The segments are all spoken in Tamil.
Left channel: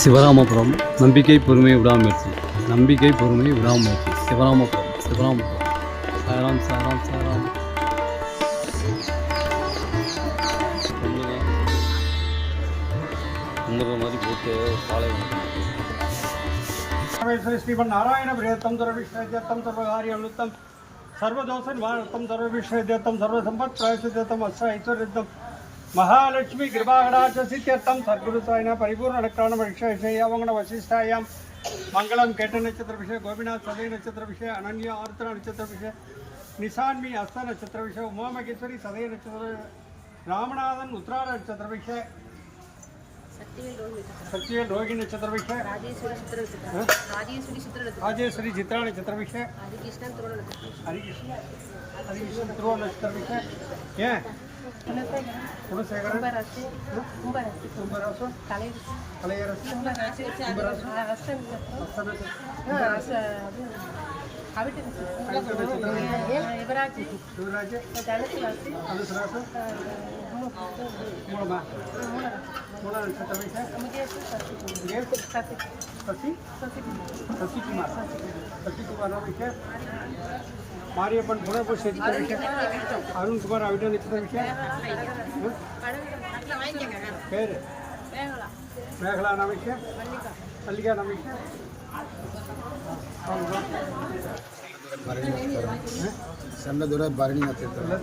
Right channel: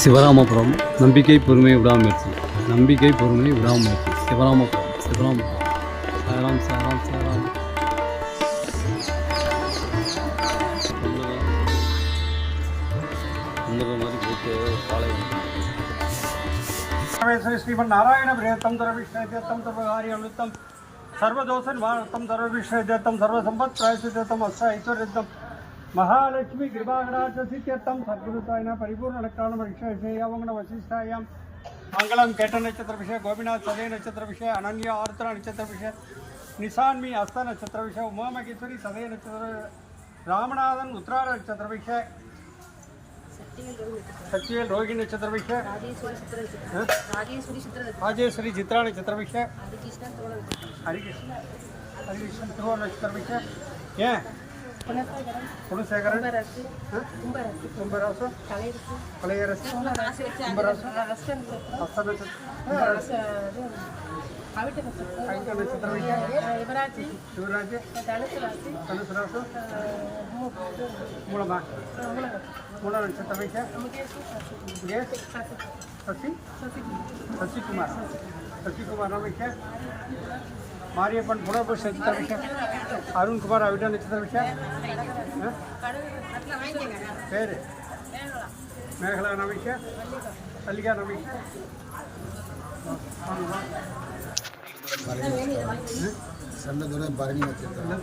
சிவராமபுரம் நம்பிக்கை பொறுமை விடாமுயற்சி. நம்பிக்கை பொறுமை விடாமுயற்சி. சிவராமபுரம் சிவராமபுரம். சாராம் சாராம் சாராம். மாதிரி போட்டு காலை ஸ்ரீமன் நாராயண பிரியத்தம் சர்வவிஷ்ணேத்யம் சர்வகாரியம் சர்வதோஷ நிவாரணம் சர்வவிஷ்ணேத்யம் சர்வசம்பத் பிராயசித்தம் அஷ்ட ஐஸ்வர்யத்தம் महालक्ष्मी कृपाकटाक्ष सिद्ध्यर्थम सद्गुरु साईना परिपूर्ण अनुग्रहण विषयावंगण वशिष्ठायां मंगलम केट नक्षत्र विषय गोपीनाथ सदय नक्षत्र विषय अनन्य आर्द्र नक्षत्र विषय निशान्मी हस्त नक्षत्र विषय उमा महेश्वरी सदय नक्षत्र रामनाथन उत्तरायण नक्षत्र विषय सत्यवेल रोहिणी नक्षत्र विषय राजेश्वरी चित्रा नक्षत्र विषय हरिकृष्ण ध्रुव नक्षत्र विषय ये குணசேகரன் கும்பராசு கலையரசு கும்பராசு சிவராஜ் தனுசு ராசு மூலமா மூல நட்சத்திர விஷய சசிகுமார் விஷய மாரியப்பன் புனர்பூஷ நட்சத்திர விஷய அருண்குமார் அவிட நட்சத்திர விஷய பேரு மேகலா நமிஷ மல்லிகா நமிஷ செல்லதுரை பரணி நட்சத்திரம்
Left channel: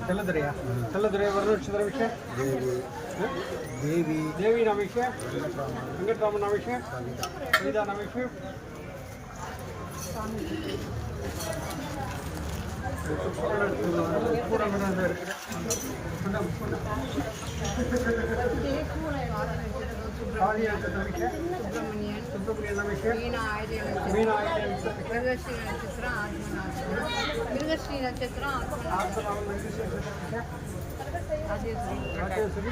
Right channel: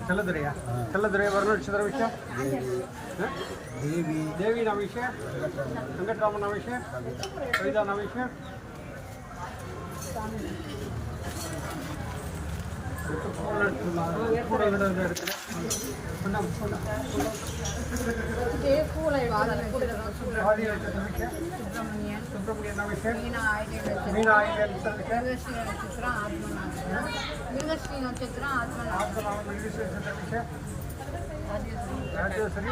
செல்லதுரை வர்ண நட்சத்திர விஷய தேவி நமிஷ வெங்கட்ராமன் நமிஷ கவிதா நமிஷ சுப்பிரமணியன் நமிஷ மீனா மிருகஸ்ரீ நட்சத்திரம் ஆத்மநாபம் ராஜேஸ்வரி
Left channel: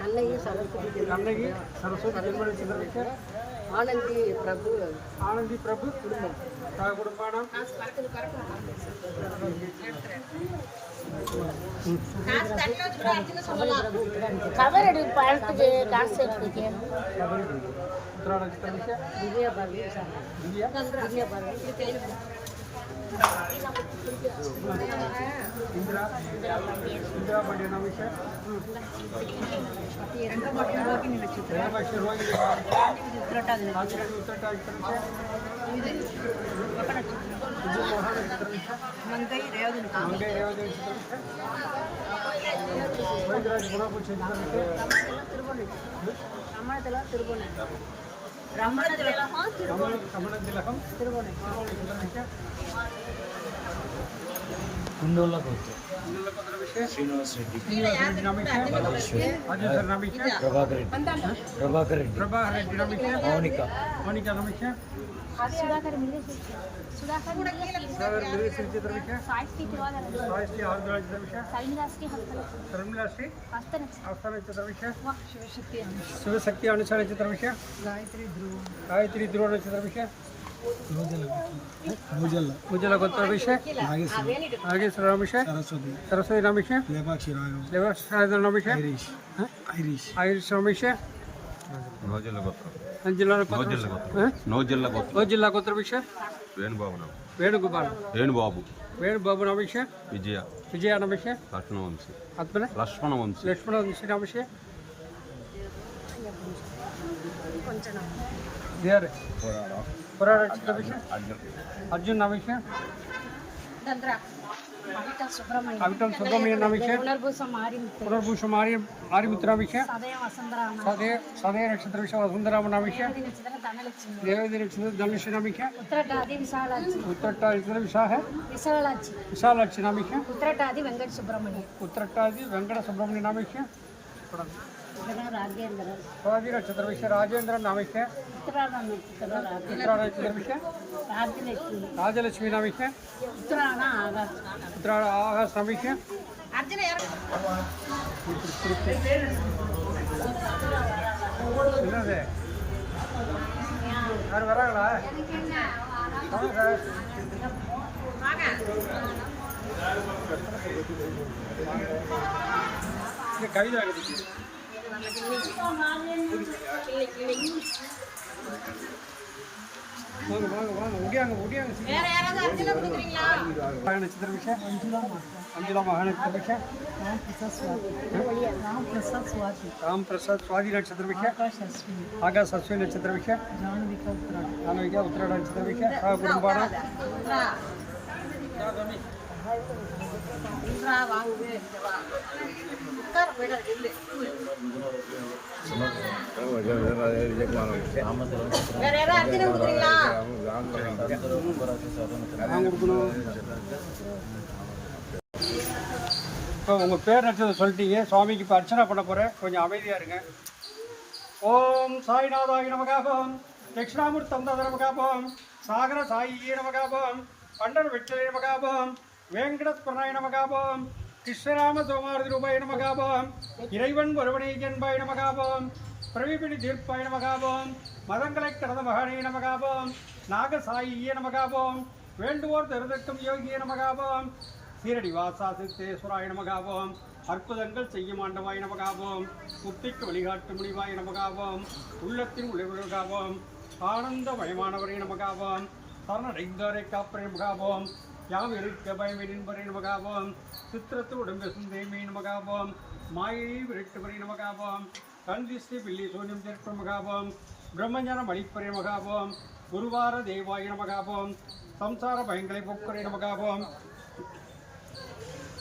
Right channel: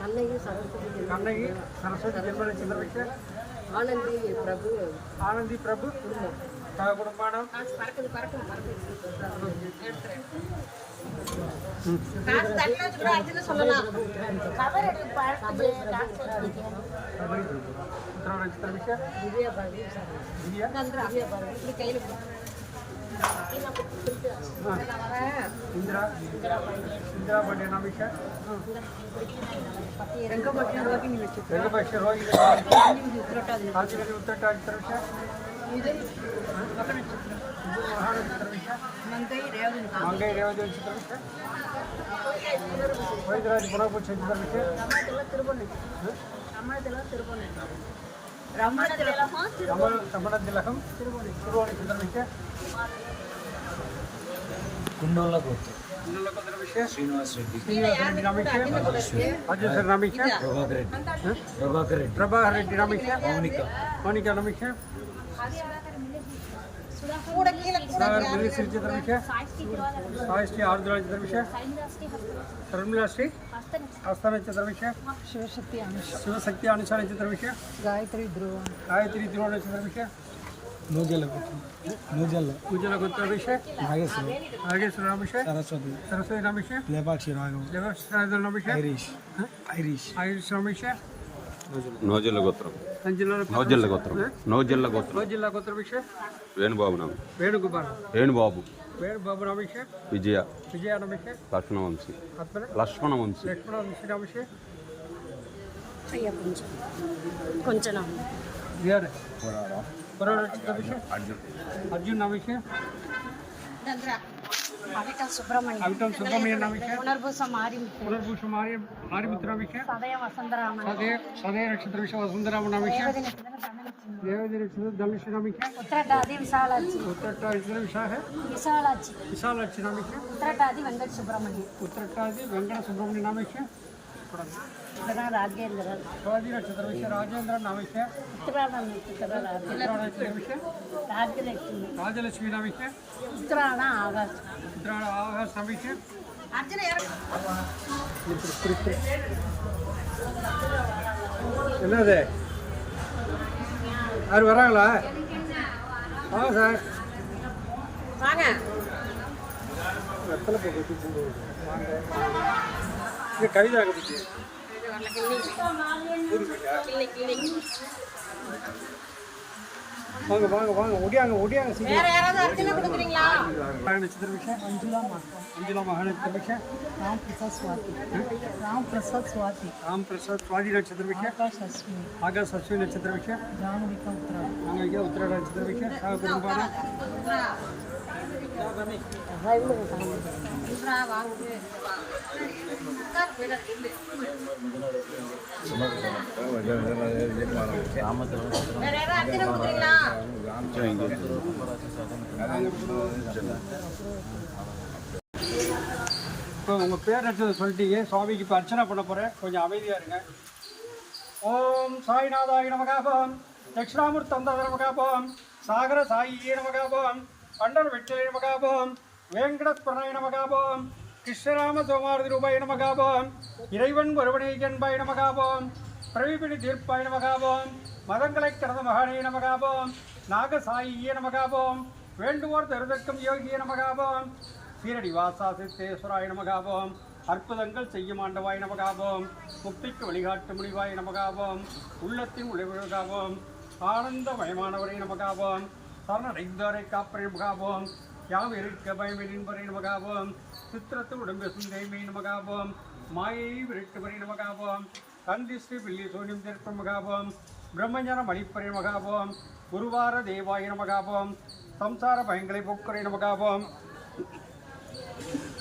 கண்ணகி சரஸ்வதி ஜென்ம நட்சத்திர விஷய ஆனந்தி பிரபு குடும்பம் इंदिरा पांडे नमिष रोहिणी मंगई रेवती नक्षत्र वैद्यराज पुनर्पूछ रमण तिलकम कुंडोला गोत्र श्रीनिवास रेड्डी प्रभाकर रेड्डी मोनिका नमिष शिवशक्ति अनुषा नक्षत्र विषय गायत्री ध्रुव नक्षत्र विषय मुजल गोत्र विषय नागेश्वर नमिष सरस्वती नमिष लेपाक्षी राघव नमिष आयरिश नमिष नौजिल्ल गोत्र गोत्र विषय वेणुबाबु नमिष विजय नमिष लक्ष्मण वंशी नमिष अर्जुन नमिष अमितम सुब्रमण्यन नमिष पुनर्भूष आर्यमित्र नमिष सदय नक्षत्र विषय वसुंधरामन नमिष देवदी नक्षत्र धनुष नमिष उत्तरटादि विशालाक्षी विशालाक्षी नमिष उत्तरटादि वेंकट सुब्रमण्य नमिष நட்சத்திரம் ராஜேந்திரன். சுவாதி நட்சத்திர விஷயம் ராஜேந்திரன் நாமிக்க. உத்திராடம் நட்சத்திரம் உத்திராட நட்சத்திர விஷயம் ராஜலட்சுமி. ராஜலட்சுமி நாமிக்க. உத்திராடம் ஆகாஷ். உத்திராட ஆகாஷ் நாமிக்க. என்னது யார் வராங்களா? வாங்க சார். கவிதா கட்டிக்கு வாங்க வாங்க வாங்க ஒடியாங்க ஒடியாங்க மஞ்சுளா மாற்றம். அஞ்சுலா மகாநட்சத்திர ராம் பிரசாத் சுவாதி. ராம் பிரசாத் சுவாதி. ராம் பிரசாத் சுவாதி நட்சத்திர ஆகாஷ் அஸ்வினி. ஆகாஷ் அஸ்வினி நட்சத்திர ஜானவிகா உத்திராடம். நானவிகா உத்திராட நட்சத்திர குடும்பான இப்போ உங்கள் பேர் நட்சத்திரம் சொல்லிட்டீங்க. சுவாமிக்கு இப்போ அர்ச்சனை பண்ண போகிறேன், கொஞ்சம் அமைதியாக இருங்க. ஓம் சாய்நாதாய நமகாபம், தட்சிணாமூர்த்தம் தத நமகாபம், சாகர சாயியே நமகாபம், பண்டர் வெற்றிலை நமகாபம், வேங்கடஸ்வரனாய நமகாபம், கிருஷ்ணராம சோமாரதி ரூபாய நமகாபம், இறைவன் ஒருவனை என்பாய நமகாபம், பிரவிபிணி தீர்ப்பாய நமகாபம், மதங்களை கடந்த மகானே நமகாபம், நாகசாயியே நமகாபம், வேண்டுவோர் தருதற்கும் யோகிய நமகாபம், சீரடி வாசா சித்தேஸ்வராய நமகாபம், அற்புதங்கள் செய்யும் ஆண்டவாய் நமகாபம், முக்திக்கு வழிகாட்டு முடிவாய் நமகாபம், உள்ளத்தின் உழைவுகாபம், ஆனந்தமயமானவரை நமகாபம், சரணடைந்தோரை காப்பரை நமகாபம், யாம் இருக்க பயமை நின்பரை நமகாபம், சித்திரத்து உடம்பெசும் தேய்மை நமகாபம், மாயை விரட்டுவரை நமகாபம், கந்திஸ்ரீ பில்லி சோனியம் தேற்ப மகாபம், பிரம்மஞானம் அளிப்பரை மகாபம், குருவார தேவாய நமகாபம், சம்சார பயங்களை போக்குறை நமகாபம்,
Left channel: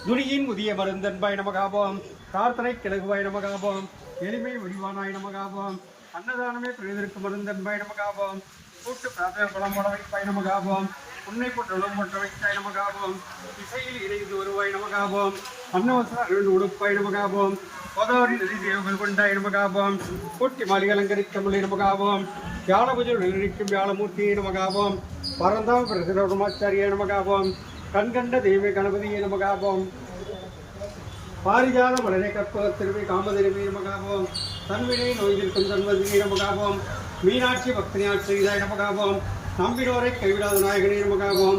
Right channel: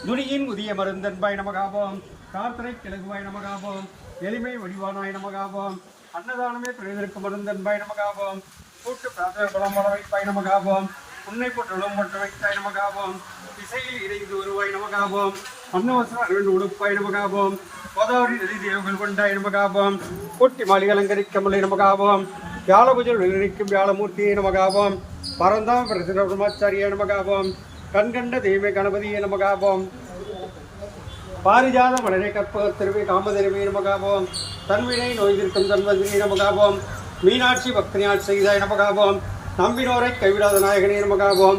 துணியின் முதிய மருந்தன்பாய் நமகாபம், பிரார்த்தனை கிழகுவாய் நமகாபம், எளிமை வடிவானாய் நமகாபம், அன்னதானமே துணிவிற்கு மருந்தன்பாய் நமகாபம், கூட்டு பிரார்த்தனை பலமட வைப்பாய் நமகாபம், உன்னை போட்டு போட்ட வைத்தாய் நமகாபம், இசையில் இறைந்து வருவாய் நமகாபம், அன்னவசர உடுப்பாய் நமகாபம், கோதாவரி நதி தேவங்கள் கொண்டாய் நமகாபம், கூட்டி மாளிகை அலங்கரிக்கமலை நமகாபம், வியாழபுஜல் விழிக்கும் வியாழமூர்த்தியை நமகாபம், பரந்தாம் பிரசிரமாச்சாரியை நமகாபம், கண்கண்ட தெய்வ கணபதியை நமகாபம், பாரிஜாத மலரை கற்பகத்திருமை காமதிருமை நமகாபம், தன்வினை நோய்திருக்கும் தன்வதினை நமகாபம், மீனாட்சி பக்தினாட்சி செய்தாய் நமகாபம், நம்பினோரை கைவிடாத நாயகனே நமகாபம்,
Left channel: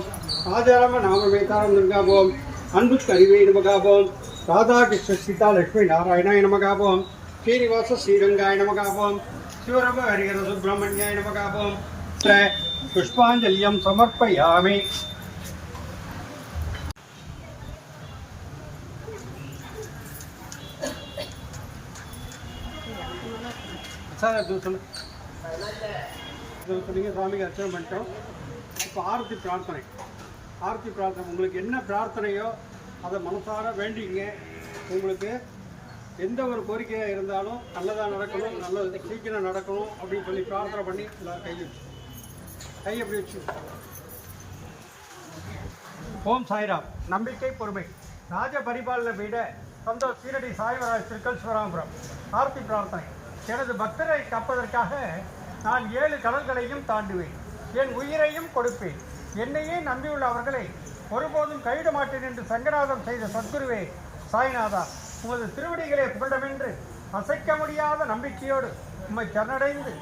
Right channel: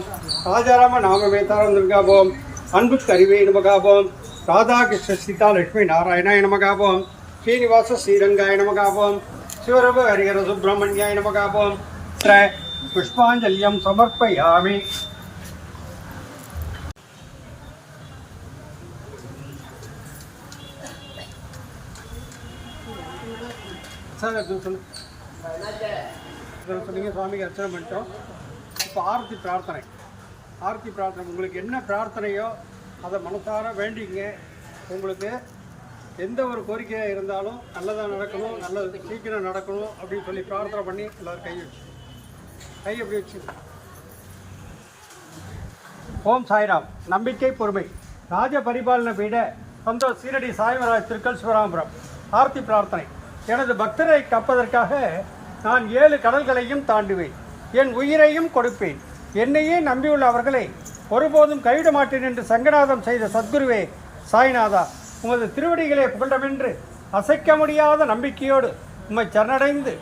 ராஜாராம நாமமே தாரம் நமகாபம், அன்புக்கு அறிவே நமகாபம், ராதாகிருஷ்ண சீதா லட்சுமி நாராயணாய நமகாபம், ஸ்ரீனிவாச ஸ்ரீரங்காய நமகாபம், சிவரப ஹரிஹர சுப்பிரமணியாய நமகாபம், புஷ்பாஞ்சலியம் சமர்ப்பயாமி. சார் சொன்னீங்க, சுவாமிக்கு அர்ச்சனை பண்ணிட்டோம். இப்போ ஆரத்தி பிரார்த்தனை. ஆரத்தி பிரார்த்தனை உங்களுக்கு என்ன பிரார்த்தனையோ அதை மனசார வேண்டிங்க. உங்களுக்கு எந்த ஒரு கோரிக்கையாக இருந்தாலும் நல்லதாக நடக்கணும், நல்லது சீக்கிரம் நடக்கணும் அப்படின்னு சொல்லி பிரார்த்தனை பண்ணி எல்லோரும் கை எப்படி வச்சு. ஓம் சாய்ராம். நம்பிக்கை பொறுமை ராஜ பரிபாலன பீட சந்தோஷ் சீரடி சாய்வராஜ் திருக்கல் சிவராமபுரம். ஆரத்தி பிரார்த்தனை. எனது பக்தரை காப்பதற்காக நான் 7 கடல்களையும் தாண்டுவேன், என் உயிரையும் கொடுப்பேன். என்னையே நம்பியுள்ள அவர்களை ஒருபோதும் கைவிட மாட்டேன் என்று சங்கநாதம் செய்த சத்குருவே சாய்நாதா, உமது திருவடிகளை புகழவென்று அசைக்க முடியாத நம்பிக்கையோடு உம்மை சரணடைந்து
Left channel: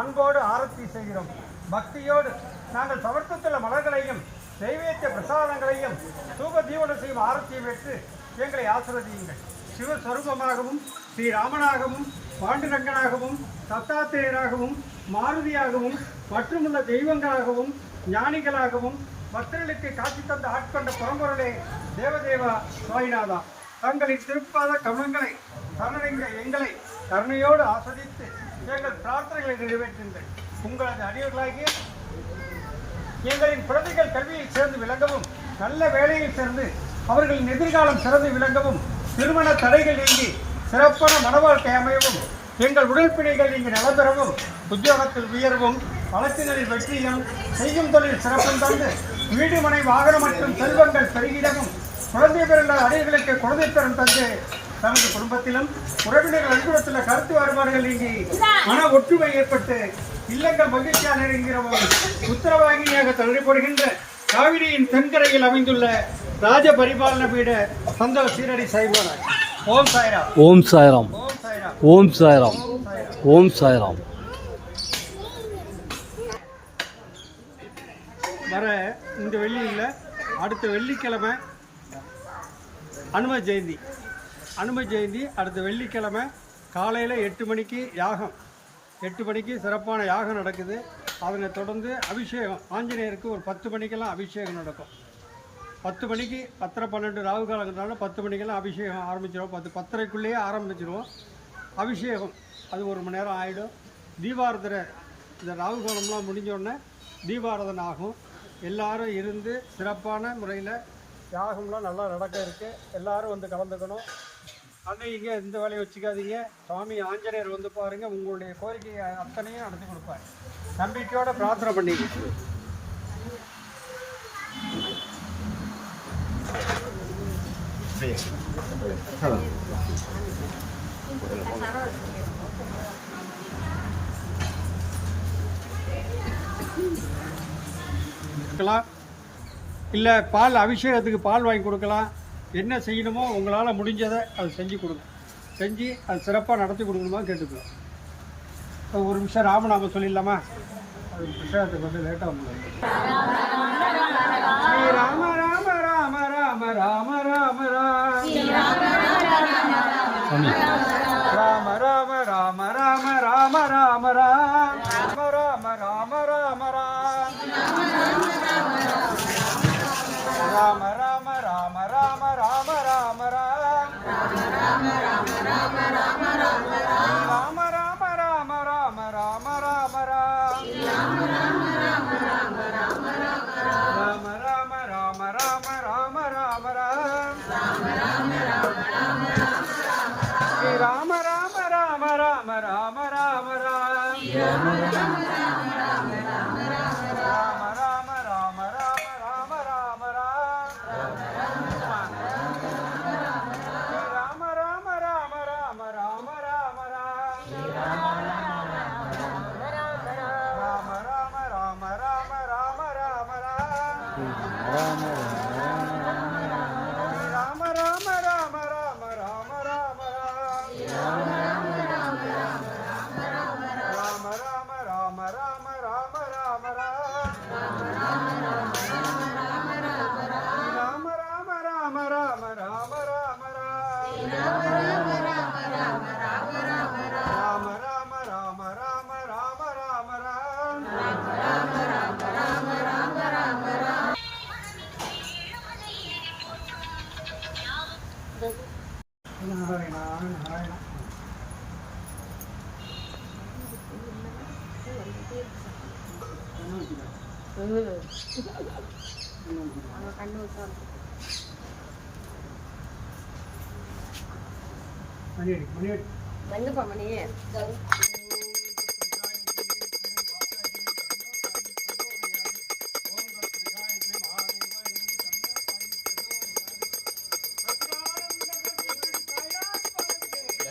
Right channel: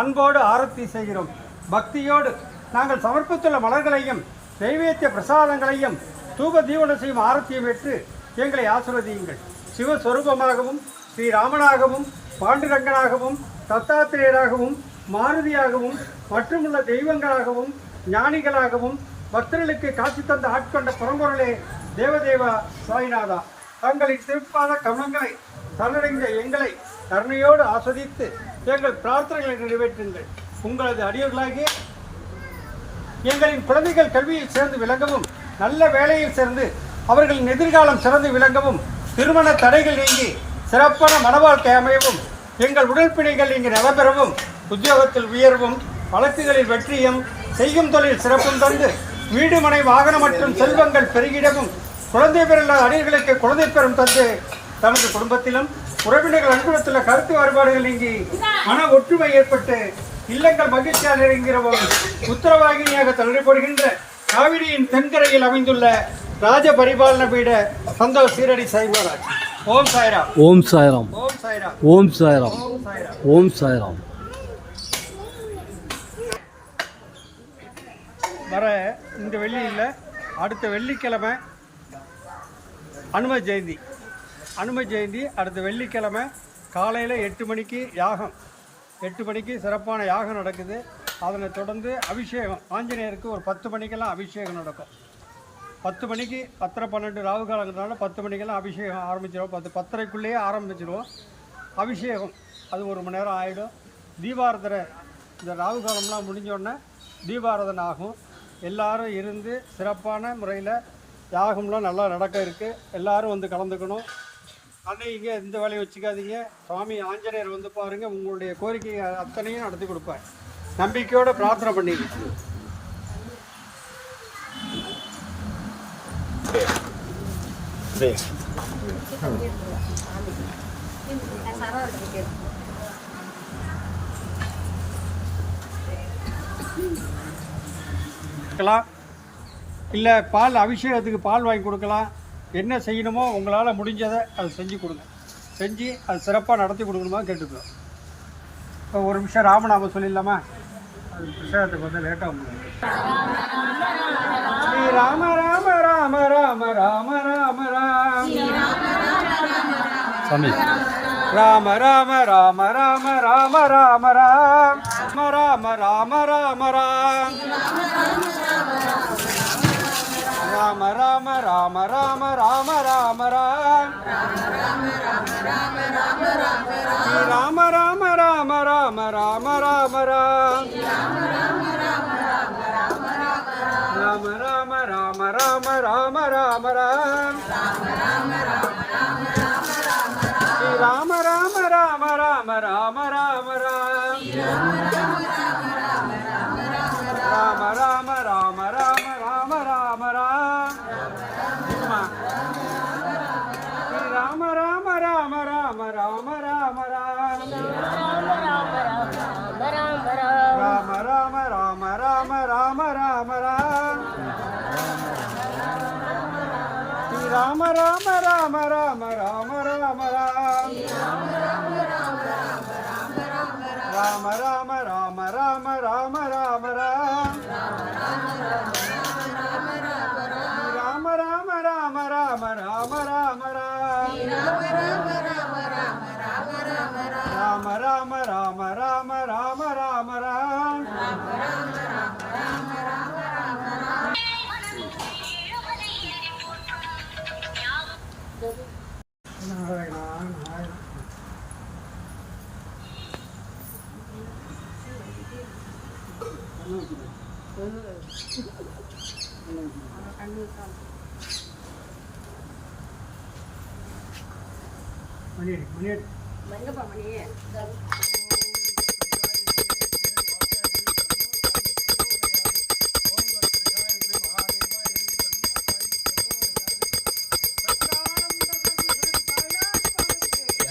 அன்போடு ஆரத்தி செய்கிறோம். பக்தியோடு நாங்கள் சமர்ப்பித்துள்ள மலர்களையும் தெய்வீக பிரசாதங்களையும் தூப தீவனம் செய்யும் ஆரத்தியும் பெற்று எங்களை ஆசீர்வதியுங்கள். சிவஸ்வரூபமாகவும் ஸ்ரீராமனாகவும் பாண்டுரங்கனாகவும் தத்தாத்திரேயராகவும் மாருதியாகவும் மற்றுமுள்ள தெய்வங்களாகவும் ஞானிகளாகவும் பக்தர்களுக்கு காட்சி தந்த ஆட்கொண்ட பரம்பொருளே தேவதேவா சாய்நாதா, தங்களின் திருப்பாத கமங்களை சரணடைந்த எங்களை கருணையோடு ஆஸ்வதித்து எங்கள் பிரார்த்தனைகளை நிறைவேற்றுங்கள். உங்களது அடியவர்களாகிய எங்களின் குழந்தைகள் கல்வியில் சேர்ந்து விளங்கவும், நல்ல வேலையில் சேர்ந்து அவர்களின் எதிர்காலம் சிறந்து விளங்கவும், திருமண தடைகள் நீங்கி சிறப்பான மனவாழ்க்கை அமையவும், எங்கள் உடற்பிணைகள் இங்கு நடைபெறவும், உத்தியோகத்தில் உயர்வும், வழக்குகளில் வெற்றியும், செய்யும் தொழில் சிறப்பும் தந்து வீடு மனை வாகனம் மற்றும் செல்வங்கள் பெருகிடவும், குழந்தை பிறந்த அடிகளுக்கு குழந்தை பெறும் தந்து தனது குடும்பத்திலும் உறவினர்கள் அனுகூலத்தில் கருத்து வேறுபாடுகள் நீங்கி மன ஒற்றுமை ஏற்பட்டு இல்லங்கள் மகிழ்ச்சியாக இருக்கிற உத்தரவாகினியாக தலைப்படுகின்ற காவிரியின் தென்கரையில் அமைந்துள்ள ராஜ பரிபாலன பீட சந்தோஷ் சீரடி சைவராஜ். ஓம் சாய்ராம். ஓம் சாய்ராம். ஓம் சாய்ராம். ஓம் சாய்ராம். ஓம் சாய்ராம். ஓம் சாய்ராம். வர இந்த வெள்ளியில் அடுத்த வெள்ளிக்கிழமை அனும ஜெயந்தி. அனும ஜெயந்தி அடுத்த வெள்ளிக்கிழமை காலையில் 8 மணிக்கு யாகம். 8 மணிக்கு சிறப்பான யாகம் நடக்குது. அதனை தொடர்ந்து அபிஷேகம் ஆஞ்சநேயருக்கு ஒரு 10 மணிக்கெல்லாம் அபிஷேகம் நடக்கும். 10 மணிக்கு 10:30 12 ராகு காலங்கிறதுனால 10 மணிக்கெல்லாம் அபிஷேகம் ஆரம்பிச்சிடுவோம். 10:30க்குள்ளேயே ஆரம்பிச்சிடுவோம் அபிஷேகம். அது 1 மணி நேரம் ஆகிடும். தீபாரதனை இந்த ராகு காலம்லாம் முடிஞ்சோடனே தீபாரதனை ஆகும். எல்லாரும் இருந்து சிறப்பான முறையில் யாகம்லாம் நல்லா நடக்க இருக்குது. எல்லாரும் வந்து கலந்துக்கணும். அன்னைக்கு எந்த வேலையை வச்சுக்காதீங்க. சுவாமி ஆஞ்சநேயர் வந்து பாருங்கள், உங்களுடைய கோரிக்கை அத்தனையும் நடத்தி கொடுப்பார். நம்பிக்கையோட பிரார்த்தனை பண்ணிக்கிட்டு இல்லை பால் அபிஷேகத்துக்கு பால் வாங்கி கொடுக்கலாம். என்ன செய்யணுமோ உங்களால் முடிஞ்சதை அதை செஞ்சு கொடுங்க. செஞ்சு அது சிறப்பாக நடத்தி கொடுக்கணுமா கேட்டுக்கிறோம். இப்போ ஒரு நிமிஷம் ராமநாமம் சொல்லிடலாமா? அது பிரசாதத்துக்கு வந்து லேட்டாக உங்களுக்கு. ஸ்ரீ ராம ராம ராம ராம ராம ராம ராம் சாமி. ராம ராம ராம ராம ராம ராம ராம் ராம ராம ராம ராம் ராம ராம ராம ராம ராம ராம ராம் ராம ராம ராம ராம ராம ராம் ராம ராம ராம ராம ராம ராம ராம ராம ராம ராம் ஸ்ரீ ராம ராம ராம ராம ராம ராம ராம் ராம ராம ராம ராம ராம ராம ராம் ஸ்ரீ ராம ராம ராம ராம ராம ராம ராம் ராம ராம ராம ராம ராம ராம ராம் ஸ்ரீ ராம ராம ராம ராம ராம ராம ராம் ராம ராம ராம ராம ராம ராம ராம் ராம ராம ராம ராம ராம ராம ராம் ராம ராம ராம ராம ராம ராம ராம் நாராயணா நாராயணா. மணியடி மணியடி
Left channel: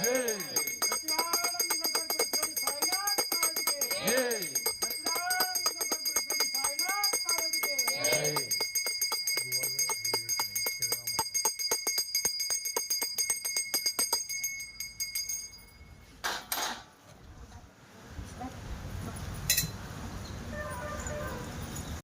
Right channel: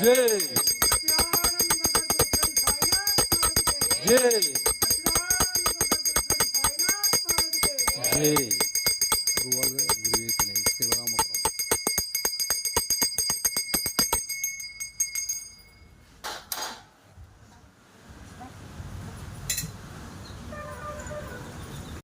ஜெய் ஜெய் ஜெய்.